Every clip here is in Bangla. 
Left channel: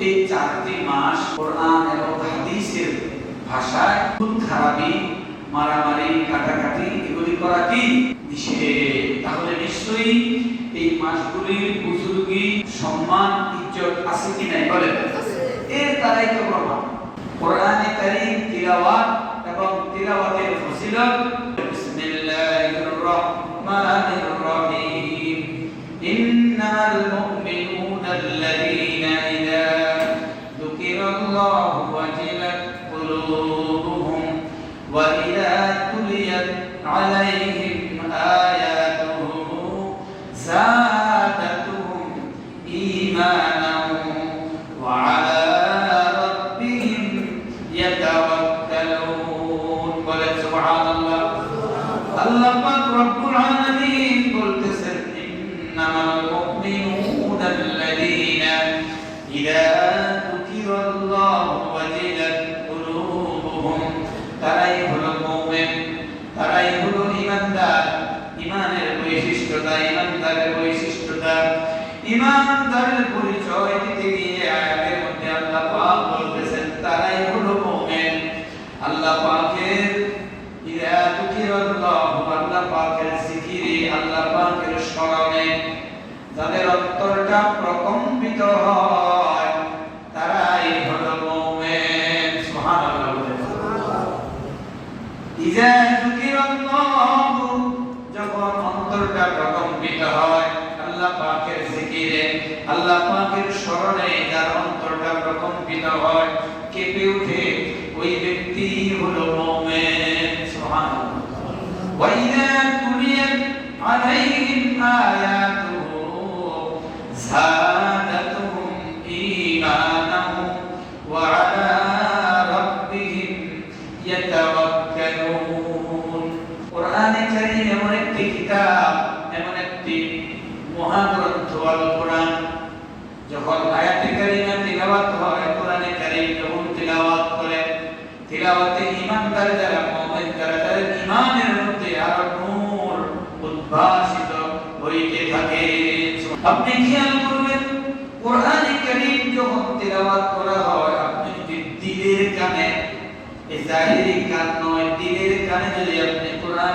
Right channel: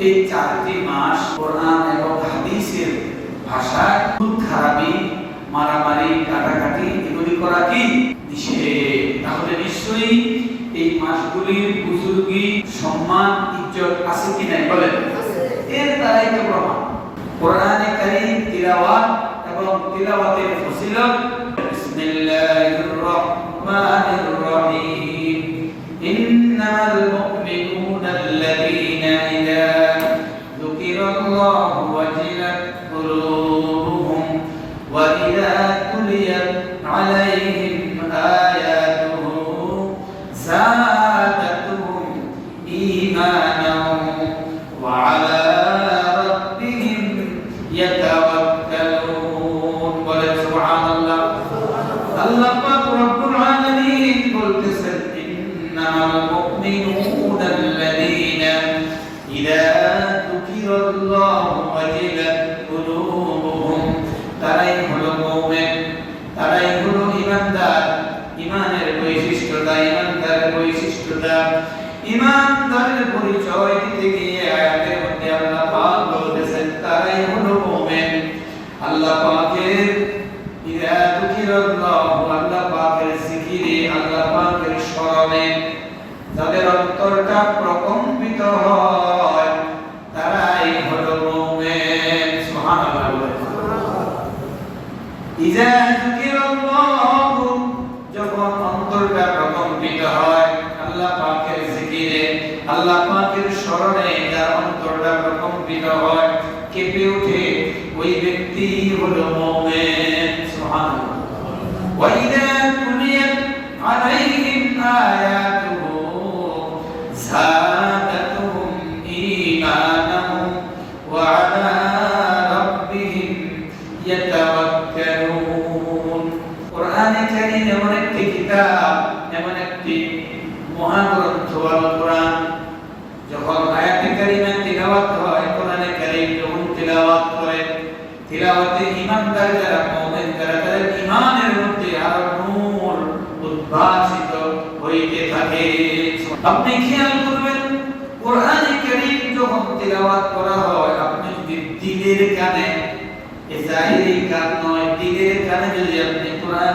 এই চারটি মাস কোরআন এবং হাদিসের ভাষায় খুব খারাপি মারামারি কাটাকাটি এগুলি করা কি? তাহলে নিশ্চয়ই এই মাসগুলির বুজুর্গি সম্মান ইজ্জত আছে কি নাই বলে এর দ্বারাই তো প্রমাণ। কোরআনে কারীম তিলাওয়াত এবং তিলাওয়াতের ফজিলত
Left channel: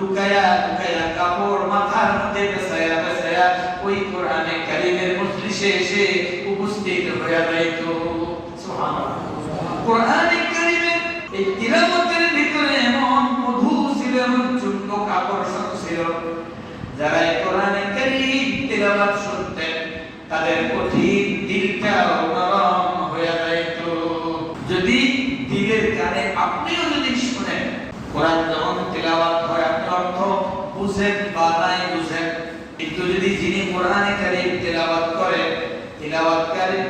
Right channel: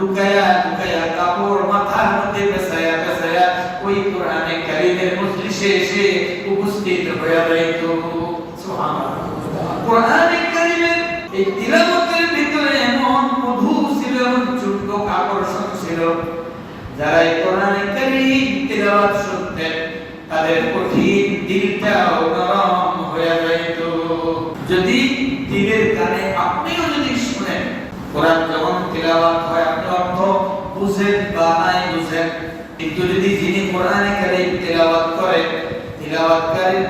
লুকায়া লুকায়া কাপড় মাথার মধ্যে পেছায়া পেছায়া ওই কোরআনে কারিমের মজলিসে এসে উপস্থিত হয়ে যাইত সুবহানাল্লাহ। কোরআনে কারিমের এই তিলাওয়াত Everybody.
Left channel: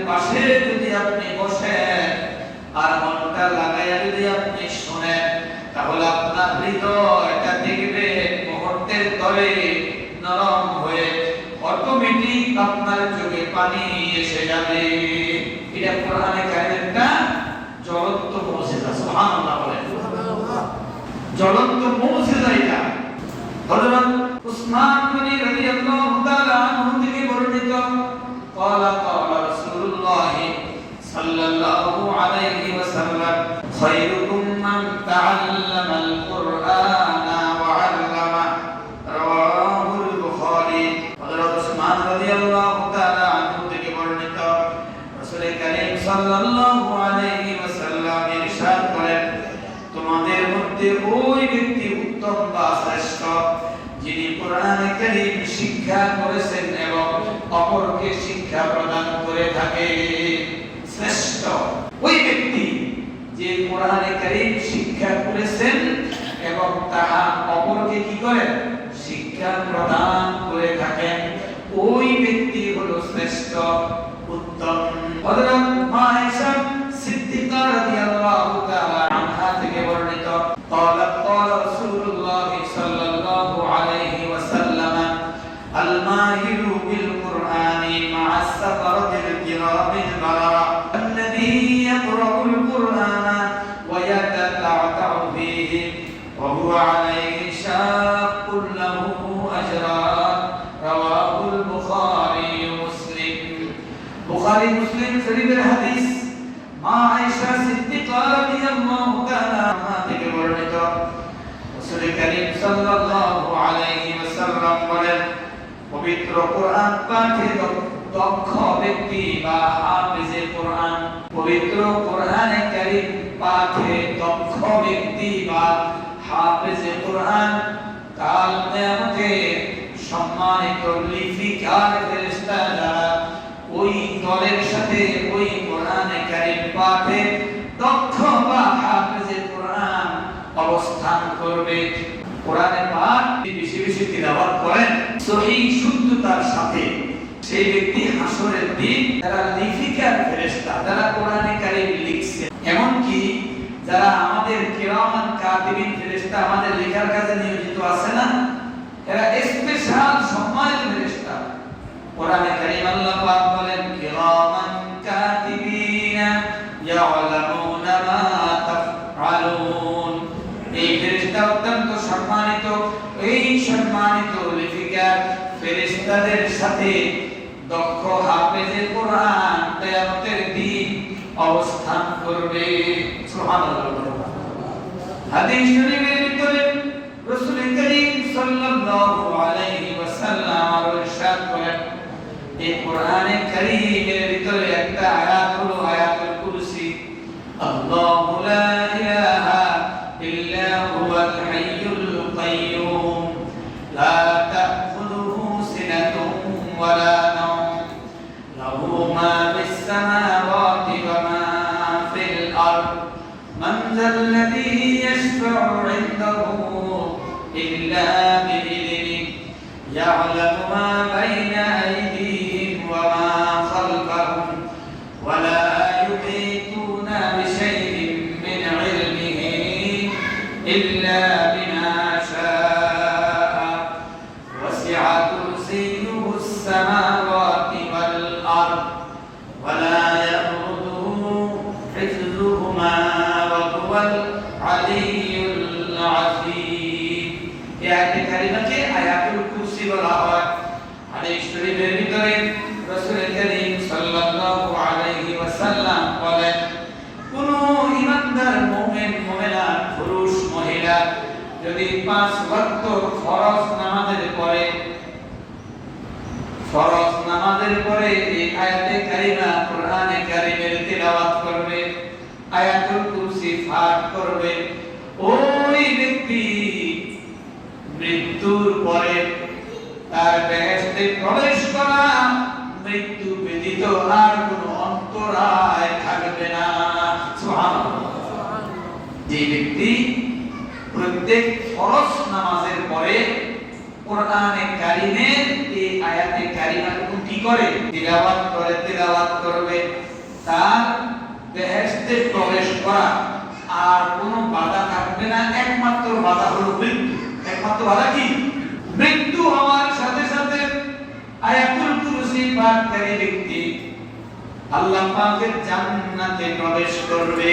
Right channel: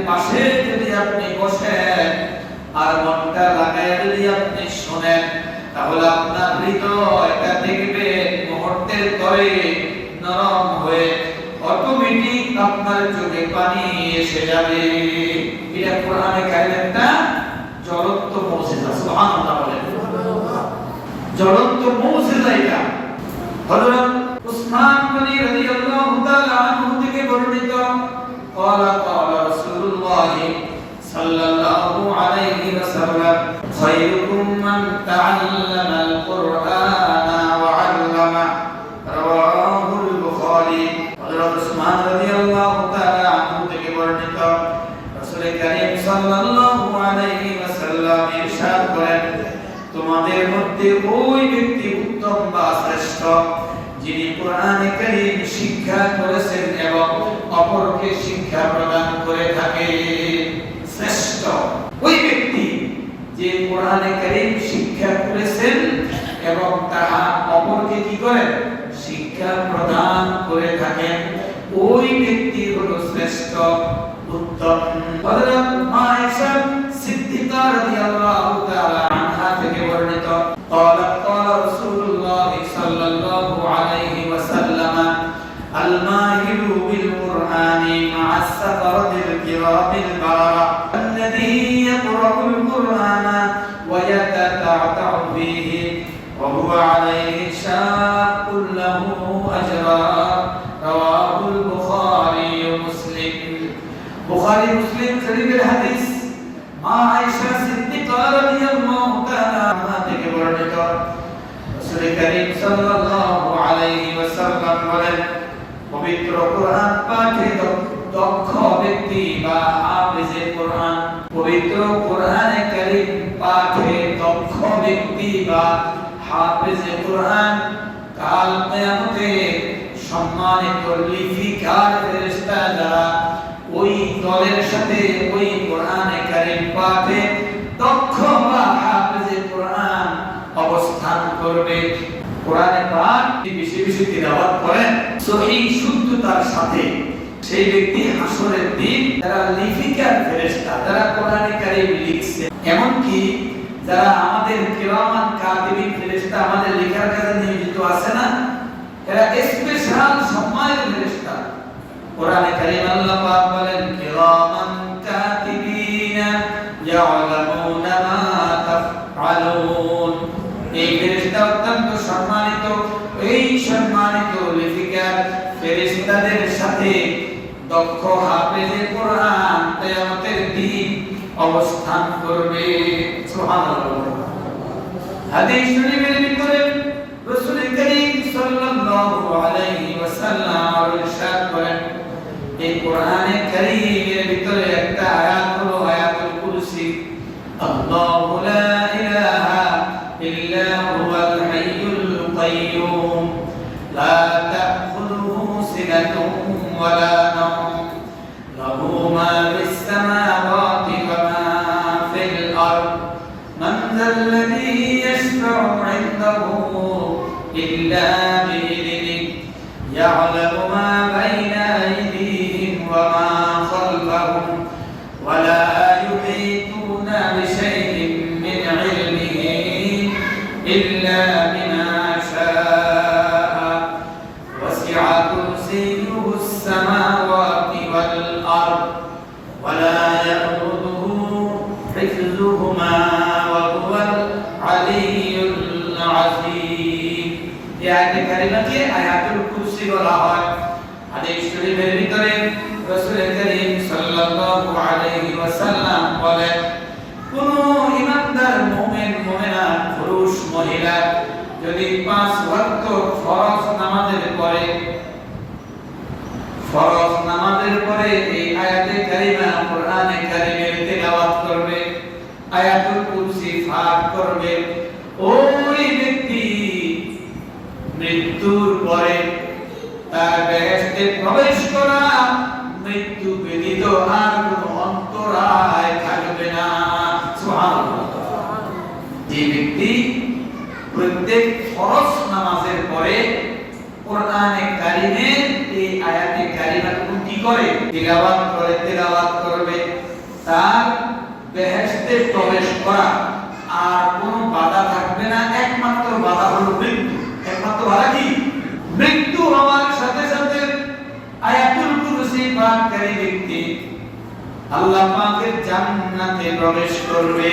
الكرام কোরআন কাল কিয়ামতে ওই দলের সাথে, ওই পাঠে দক্ষ বা কোরআন অবস্থান করবে। কোরআনে পাঠ বেশি বেশি তিলাওয়াত করেন সহিহ শুদ্ধতার সাথে সেই ব্যক্তি হাসরের দিন তারা লিপিকার ফেরেশতা তারা কোরআনে হাদিস শরীফের ভিতরে রাসূল করিম সাল্লাল্লাহু আলাইহি ওয়াসাল্লাম ইরশাদ করেন এই কোরআনে কারীমের ভিতরে একটা আয়াত হলো আয়াতুল কুরসি আল্লাহু লা ইলাহা ইল্লা হুয়াল হাইয়ুল কাইয়্যুম লা তাখুযুহু সিনাতুন ওয়া লা নাওম লাহু মা ফিস সামাওয়াতি ওয়া মা ফিল আরদ من ذا الذي يشفع عنده إلا بإذنه ব্যতীত আর কোনো অন্তরায় থাকবে না। যে ব্যক্তি প্রত্যেক ফরজ নামাজের পরে কোরআনে কারিমের এই আয়াতে কারিমা কি করে তিলাওয়াত করে, তিলাওয়াত করবে, তার বেহেশতে প্রবেশ করা আর কোনো বাধা থাকবে না। একমাত্র বাধা হলো মৃত্যু। একমাত্র বাধা কি? মৃত্যু হওয়ার সাথে সাথে আয়াতুল পাঠকারী ব্যক্তি আল্লাহ পাকের জান্নাতে প্রবেশ করবে।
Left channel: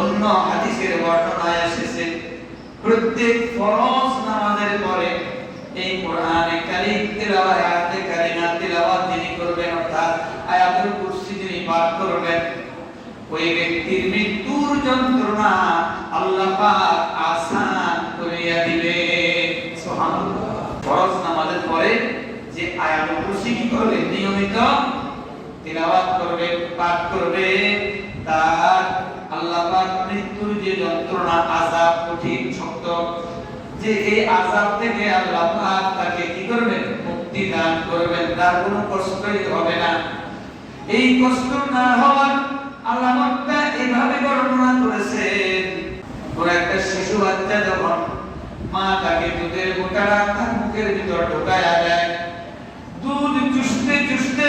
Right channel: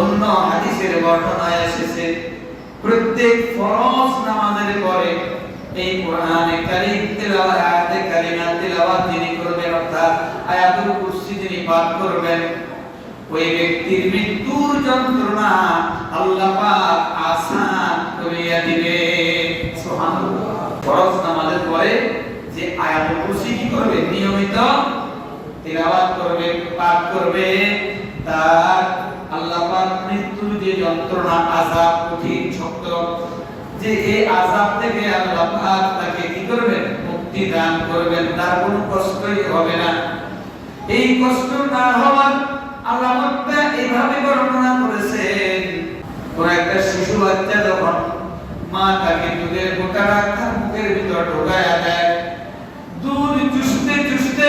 অন্য হাদিসের বর্ণনায় এসেছে, প্রত্যেক ফরজ নামাজের পরে এই কোরআনে কারীম, তেলাওয়াত, আয়াতে কারিমা, তেলাওয়াত যিনি করবেন, অর্থাৎ আয়াতুল কুরসি যিনি পাঠ করবেন, ওই ব্যক্তির মৃত্যুর যন্ত্রণা আল্লাহ পাক আসান করিয়া দিবে সুবহানাল্লাহ ফরজ নামাজের পরে কি করবে? নিয়মিত তিলাওয়াত করবে, পাঠ করবে। তার আল্লাহ পাক মৃত্যুর যে যন্ত্রণা, আযাব শক্ত, যে এই আযাব থেকে আল্লাহ পাক তাকে কি করবেন? মুক্তি দান করবেন। তার কোনো কষ্টই হবে না। এই কষ্ট না হওয়ার আল্লাহ পাক এইভাবে বর্ণনা করেছেন কোন একটা শিশু বাচ্চা যখন মা তাকে দুধের বোকা রাখা মুখের ভিতর ঢোকায়া দেয় দুধ চুষতে চুষতে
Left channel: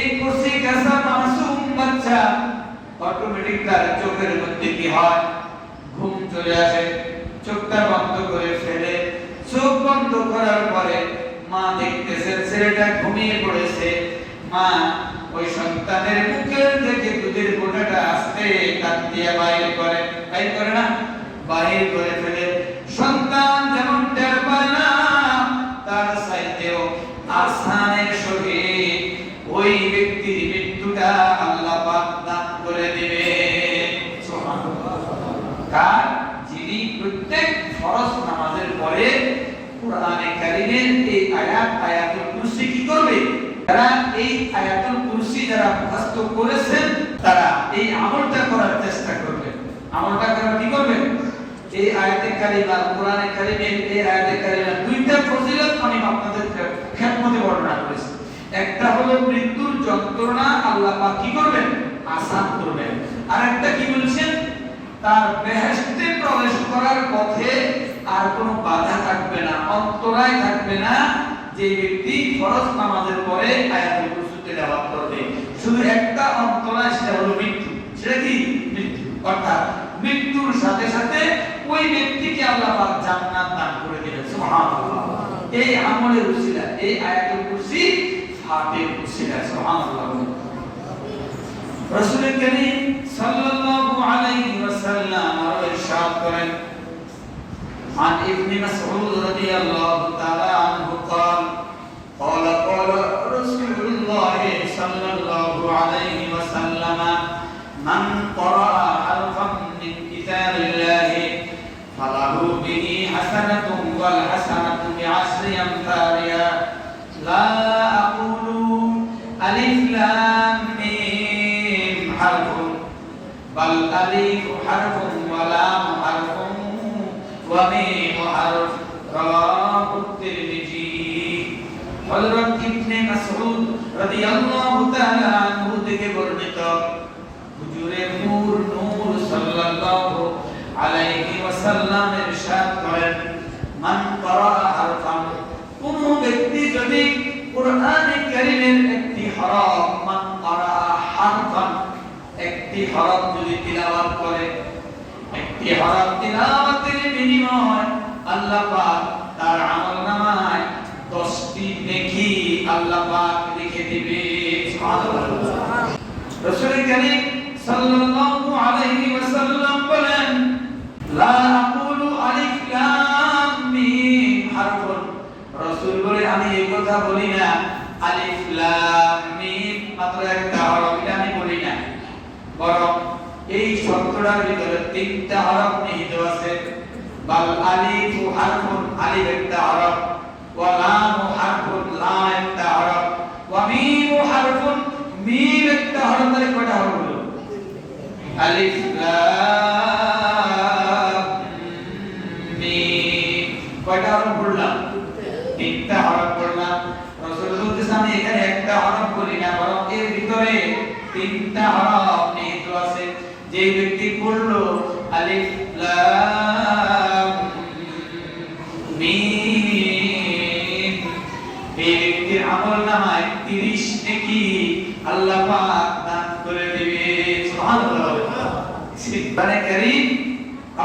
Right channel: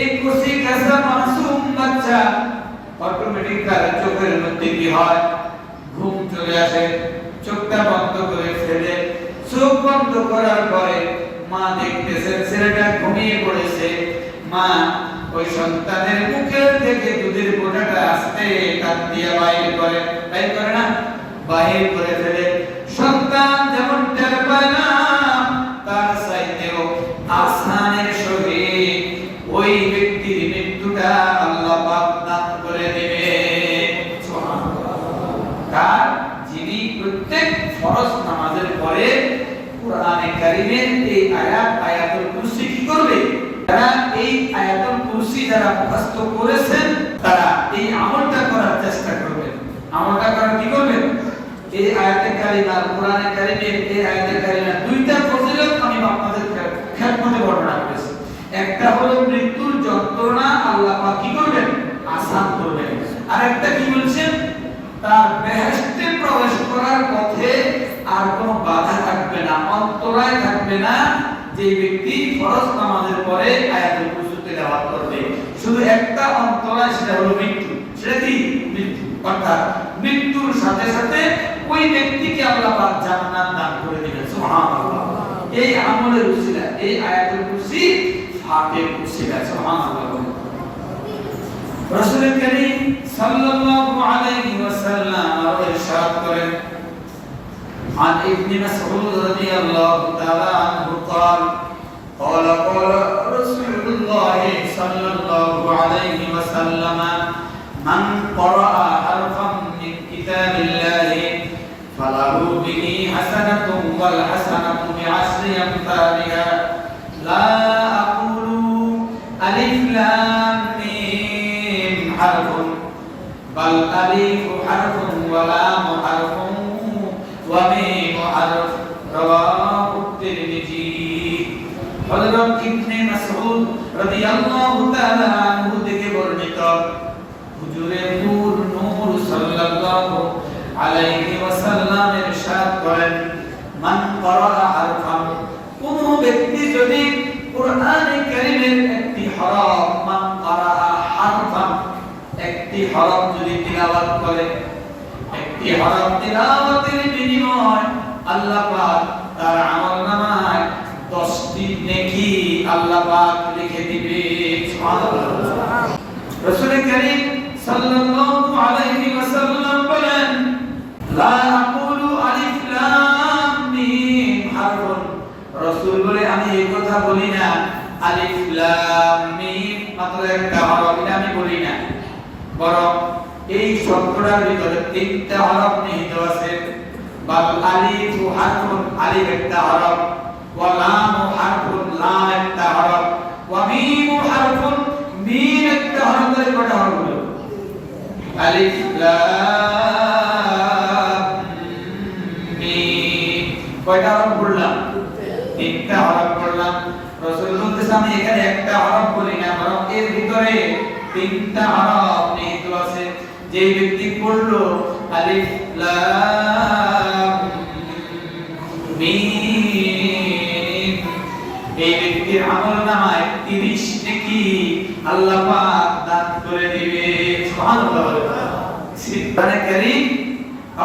এই কষি কাঁচা মাসুম বাচ্চা অটোমেটিক চোখের মধ্যে কি হয়? ঘুম চলে আসে, চোখটা বন্ধ করে ফেলে। চোখ বন্ধ করার পরে মা দেখতেছেন, ছেলেটা ঘুমিয়ে পড়েছে। মা ওই সন্তানের মুখের থেকে দুধের গোটাটা আসতে কাঁদিয়া দিয়ে বাইরে করে না বাহির করে ফেলে সন্তান যেমন টের পায় না তার চাইতেও আসানের সহিত ওই ব্যক্তির মৃত্যুটা আল্লাহ পাক দান করে দেবে কার যিনি প্রত্যেক ফরজ নামাজের পরে কোরআনে কারীমের এই আয়াত আয়াতুল কুরসি কি করবে যারা এই আয়াতুল কুরসি যারা মুখস্থ করেছেন তারা এই আমলটা করার চেষ্টা করবে আমলটা করার কি করবে এই আয়াতে কারিমা কোরআনে কারীমের এই আয়াতে কারিমা দুইটা ফজিলত আমি আপনাদের খেদমতে বর্ণনা করেছি একটা হলো মৃত্যুর যন্ত্রণা আল্লাহ পাক কি করবেন আসান করবেন আর একটা কি বলছেন তার বেহেশতে প্রবেশ করার পথে আর কোনো বাধা থাকবে না অন্তরায় থাকবে না যে ব্যক্তি ফরজ নামাজের পরে আয়াতুল কুরসি তেলাওয়াত করবে। শুধু একটা অন্তরায় সেটা হলো মৃত্যু। সেটা কি? মৃত্যু। অর্থাৎ মৃত্যুর সাথে সাথে ওই ব্যক্তিকে আল্লাহ পাক জান্নাত দান করে দিবেন। সুবহানাল্লাহ। এই আমলের উসিলা এই আয়াতুল কুরসি ফাতের উসিলা সুবহানাল্লাহ রাসূল করিম সাল্লাল্লাহু আলাইহি ওয়াসাল্লাম ইরশাদ করেন। عن ابن مسعود رضي الله تعالى عنه قال قال قال رسول الله صلى الله عليه وسلم من قرأ حرفا من كتاب الله فله به حسنة والحسنة একটি হরফ তিলাওয়াতের বিনিময় আল্লাহ পাক তার আমলনামায় 10টি নেকি আল্লাহ পাক লিখে দিবে। সুবহানাল্লাহ। রাসূল করিম সাল্লাল্লাহু আলাইহি ওয়াসাল্লাম বলেন, লা আকুলু আলিফ লাম মিম হারফুন। রাসূল বলে, আমি এই কথা বলি না, আলিফ লাম মিম একটা আমি বলি না। বরং এই শব্দটার ভিতরে তিনটা হরফ নিহিত আছে। বাল আলিফ হারফুন আলিফ একটা হরফ। ওয়া কারীম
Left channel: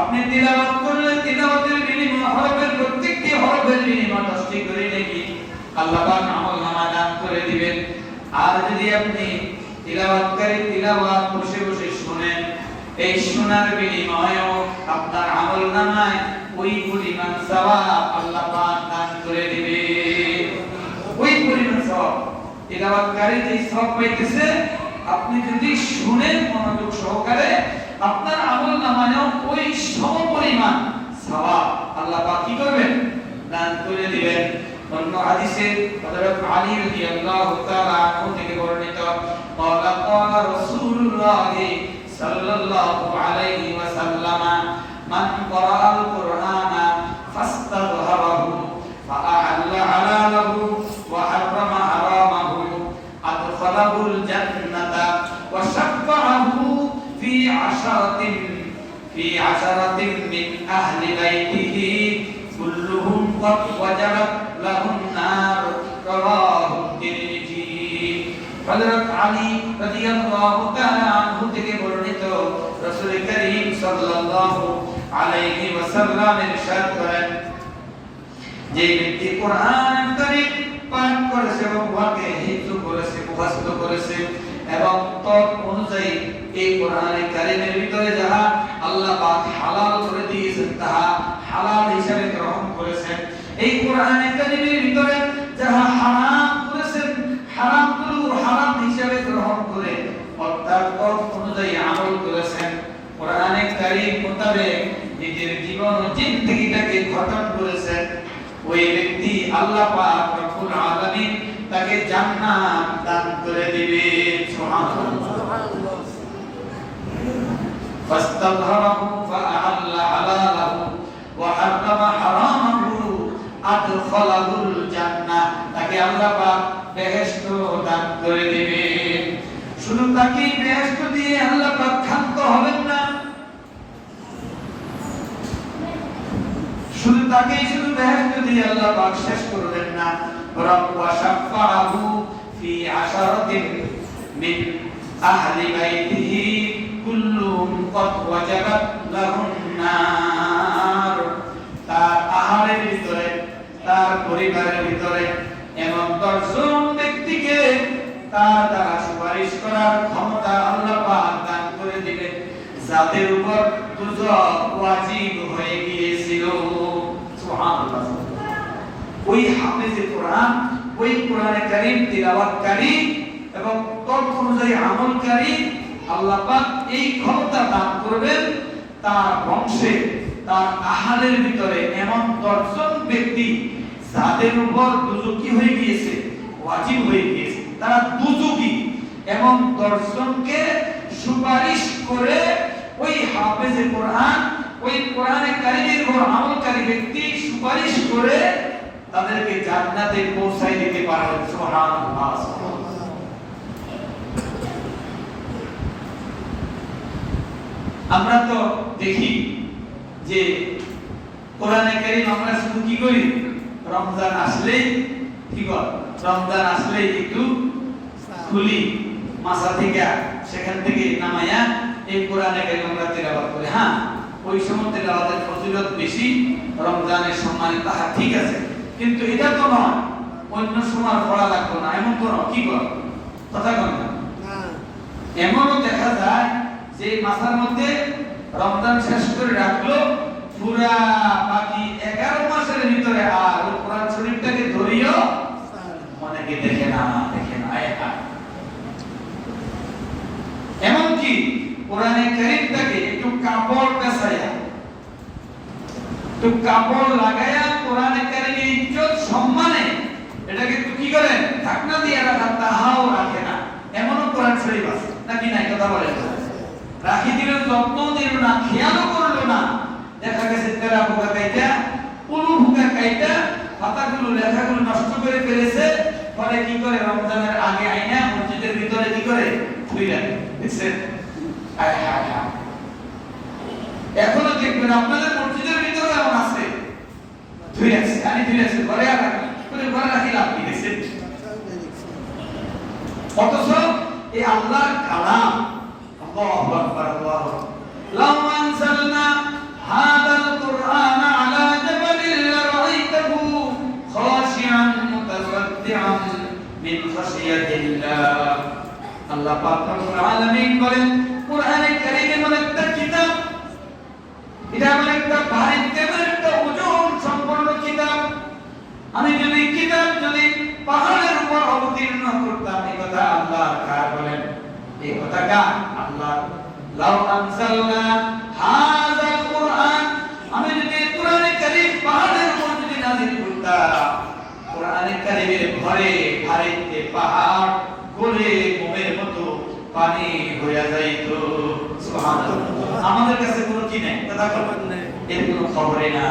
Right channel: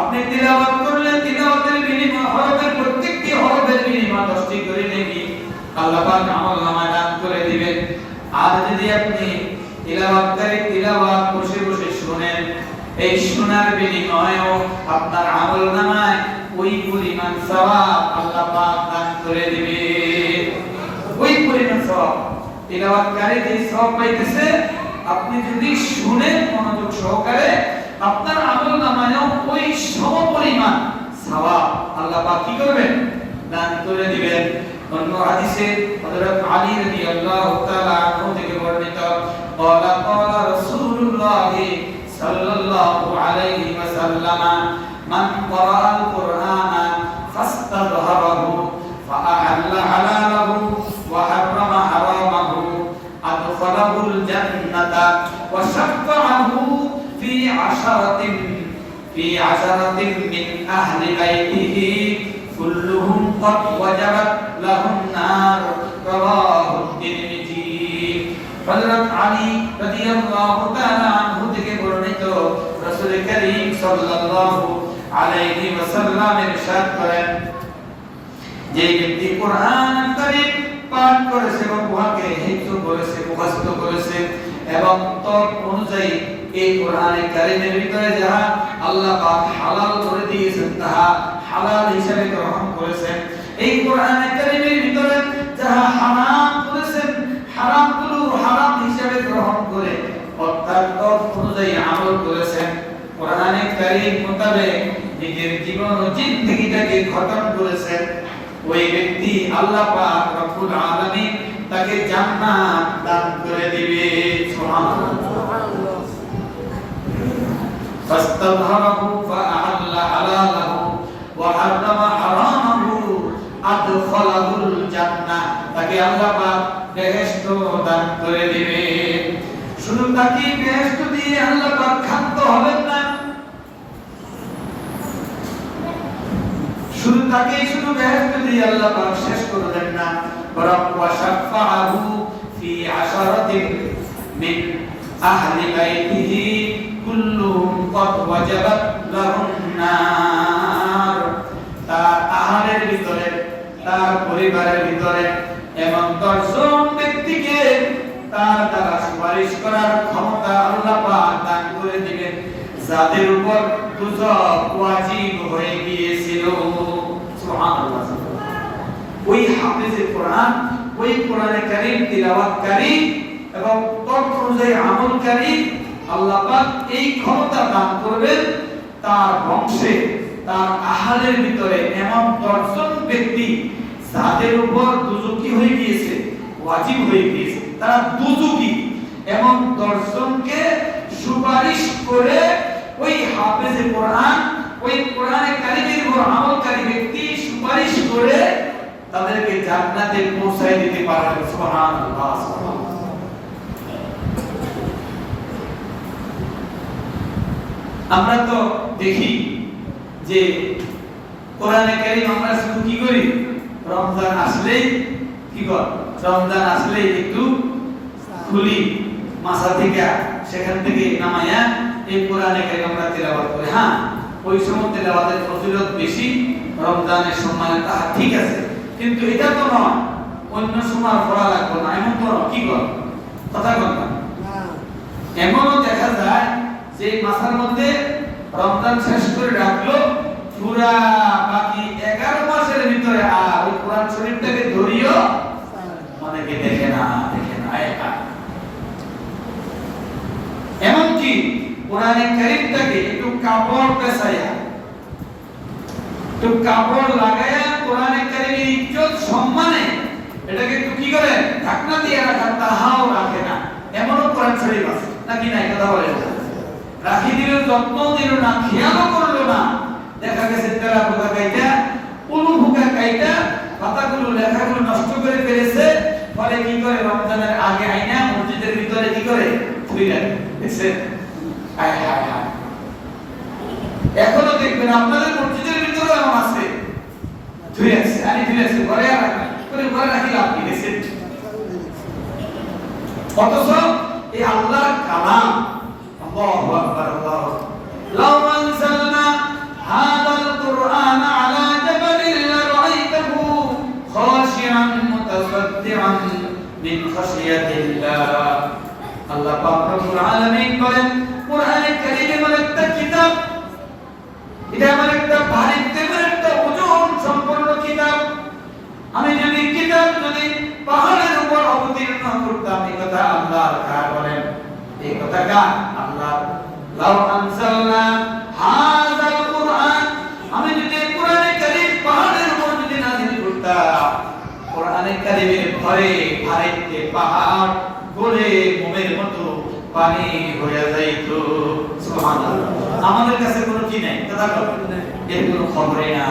আপনি তিলাওয়াত করলে তিলাওয়াতের বিনিময় হরফের প্রত্যেকটি হরফের বিনিময় 10টি করে নেকি। আল্লাহ পাক আমল নামা দান করে দিবেন। আর যদি আপনি তিলাওয়াতকারী তিলাওয়াত বসে বসে শুনেন, এই শোনার বিনিময়েও আপনার আমল নামায় ওই পরিমাণ সওয়াব আল্লাহ পাক দান করে দিবে। ওই পরিমাণ সওয়াব, তিলাওয়াতকারী যে সওয়াব পাইতেছে, আপনি যদি শুনেন মনোযোগ সহকারে আপনার আমল নামায়ও ওই সমপরিমাণ সওয়াব আল্লাহ পাক কি করবেন দান করে দিবেন অন্য হাদিসে হযরত আলী রাদিয়াল্লাহু তাআলা আনহু থেকে বর্ণিত قال قال رسول الله صلى الله عليه عشرة في عشرة من أهل بيته كلهم قد وجبت لهم النار رواه الترمذي হযরত আলী রাদিয়াল্লাহু তাআলা আনহু থেকে বর্ণিত রাসূল করিম সাল্লাল্লাহু আলাইহি ওয়াসাল্লাম ইরশাদ করেন যে ব্যক্তি কোরআন কারীম পাঠ করেছে এবং উহাকে হিফজ করেছে মুখস্থ করেছে এবং তত অনুযায়ী এই কারীমের ভিতরে যাহা আল্লাহ পাক হালাল করে দিয়েছেন, তাহা হালাল গ্রহণ করেছেন। এই কারীমের ভিতরে যাহা হারাম করেছেন হারাম হিসাবে গ্রহণ করে অর্থাৎ তত অনুযায়ী আমল করেছেন। কারীম মোতাবেক নিজের জীবন ও জিন্দেগিটাকে করেছেন। ওই ব্যক্তি আল্লাহ পাক রব্বুল আলামিন তাকে জান্নাত দান করে দিবে সুবহানাল্লাহ فاستظهره فأحل حلاله وحرم حرامه أدخله الجنة তাকে আল্লাহ পাক বেহেশত দান করে দিবে শুধু তাকে বেহেশত দিয়ে আল্লাহ পাক ক্ষান্ত হবেন না শুধু তাকে শুধু বেহেশত দিয়ে আল্লাহ পাক শেষ করবেন না বরং ওয়াশাফাহু ফি আশারাতিন মিন আহলি বাইতিহি কুল্লুহুম কদ ওয়াজাবাত লাহুম নার। তার আহারের ভিতরে, তার পরিবারের ভিতরে এমন দশজন ব্যক্তিকে তার দ্বারা সুপারিশ করার ক্ষমতা আল্লাহ পাক দান করে দিবেন যাদের উপর দুজক ওয়াজিব হয়ে গিয়েছিল। ওই হাফেজে কোরআন, ওই কোরআনে কারীম তিলাওয়াতকারী এবং তত অনুযায়ী আমলকারী আল্লাহ এই ক্ষমতা দান করবেন, তার বংশে, তার আহারের ভিতরে এমন দর্শন ব্যক্তি যাদের উপর দুজকি হয়ে গিয়েছে, ওয়াজিব হয়ে গিয়েছে, তারা দুজকি দর্শনকে সুপারিশ করে ওই হাফেজে কোরআন, ওই কোরআনে কারিমের আমলকারী ব্যক্তি সুপারিশ করে তাদেরকে জান্নাতে পৌঁছায় দিতে পারেন সুবহানাল্লাহ সুবহানাল্লাহ আমরা তো দেখি যে কোরআনে কারীম আমরা শুধু কি করি? রমজান আসলেই কি কর? রমজান আসলেই একটু খুলি মাসা থেকে সেখান থেকে নামায়া এই কোরআনে কারীম আমরা তেলাওয়াত করি। হ্যাঁ ওই সময় তেলাওয়াতের ফজিলত বেশি রমজানের সময় তাহা ঠিক আছে। কিন্তু এটা তো নয় অন্য সময় পড়া লাগবে না। এমন তো কি কর? কথা কর না। এমনও দেখা যায় যে মাসের মধ্যে রমজান শেষ করে রাখল, পুরা বাকি এগারো মাসের ভিতরে আর ওই কোরআন শরীফটাকে ধরিও অনেকে দেখে না দেখে না, একা। এমনকি কোরআনে কারিমটাকে একটু কাপড় পেছাইয়া একটু কাপড় লাগাইয়া কোরআনে কারিমের ইজ্জত, সম্মানে এটাকে একটু কি করে ঢাকনা দিয়ে রাখা তাহাও রাখে না। এমনও কোরআন শরীফ আছে। নাকি নাই? কথা বলেন না। রাখি দিল যত্ন দিল না খেয়ালও করল না। দেখা গেছে তেরা পোকা কাইটা, উলু পোকা কাইটা পাতাগুলো লেখাগুলো নষ্ট করে ফেলেছে। ফলে কি করে? রমজানের আগে আইনা মসজিদের ভিতরে কি করে? থুই রাখে। দেখছেন আয় হায় হায়। এখনও দেখবেন আপনাদের মসজিদের ভিতরে এমন আছে। ধুই আছে আনি ধুই আছে, ঘরে আর করে ঘরে রাখি লাভ কি? অথচ এই আল্লাহর কালাম আল্লাহু আকবার, আল্লাহু লাউ আনজালনা হাদাল কুরআন আলা জাবালিন লারাইতাহু খাশিআন মুতাসাদ্দিআন মিন খাশিয়াতিল্লাহ। আল্লাহ পাক রব্বুল আলামিন বলেন, কোরআনে কারীমে এমন একটা কিতাব, এটা এমন একটা ভারী তেমন একটা ওজন সম্পন্ন কিতাব। আমি যদি কিতাব যদি পাহাড়ের উপর অবতীর্ণ করতাম, এই কথা আল্লাহ বলেন? এই তাকান আল্লাহ পাহাড়ের পাহাড় মতো পানি হয়ে যাইতো। সুবহানাল্লাহ। আমাদের কাছে কোনো কি নাই? কথা বলেন এর কোনো না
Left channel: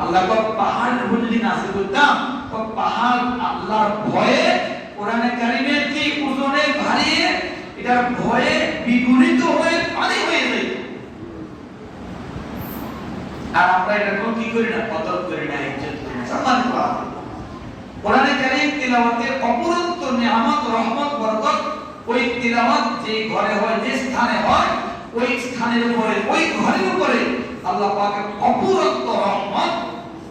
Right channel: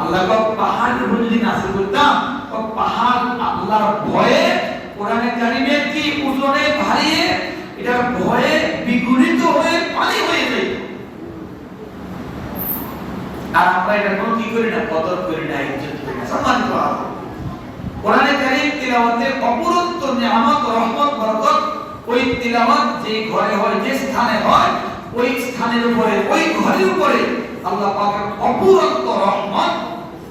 আল্লাহ পাক পাহাড়ের উপর যদি নাযিল করতাম পাহাড় আল্লাহর ভয়ে কোরআনে কারীমের কি ওজনে ভারী? এটা ভয়ে বিগলিত হয়ে পানি হয়ে যেত আর আমরা এটা কোনো কি করি না কদর করি না, ইজ্জত করি না সম্মানিত আছে কোরআনে কারীম তিলাওয়াতের অপরন্ত নিয়ামত রহমত, বরকত, ওই তিলাওয়াত যে ঘরে হয়, যে স্থানে হয়, ওই স্থানের উপরে, ওই ঘরের উপরে আল্লাহ পাকের অপরন্ত রহমত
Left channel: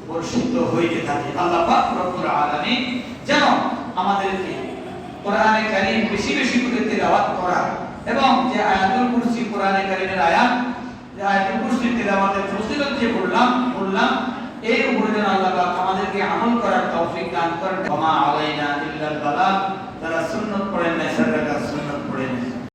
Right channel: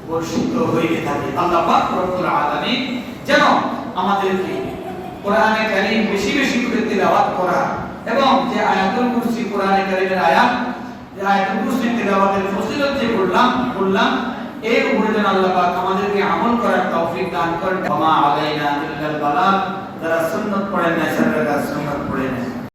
বর্ষিত হইতে থাকে। আল্লাহ পাক রব্বুল আলামিন যেন আমাদেরকে কোরআনে কারীম বেশি বেশি করে তেলাওয়াত করা এবং যে আয়াতুল কুরসি, কোরআনে কারীমের আয়াত, যে আয়াতুল কুরসি তেলাওয়াতের ফজিলত যে বললাম বললাম এই উপরে যেন আল্লাহ পাক আমাদেরকে আমল করার তৌফিক দান করেন। ওমা আলাইনা ইল্লাল বালাগ, যারা সুন্নাত পড়েন না সুন্নাত পড়েন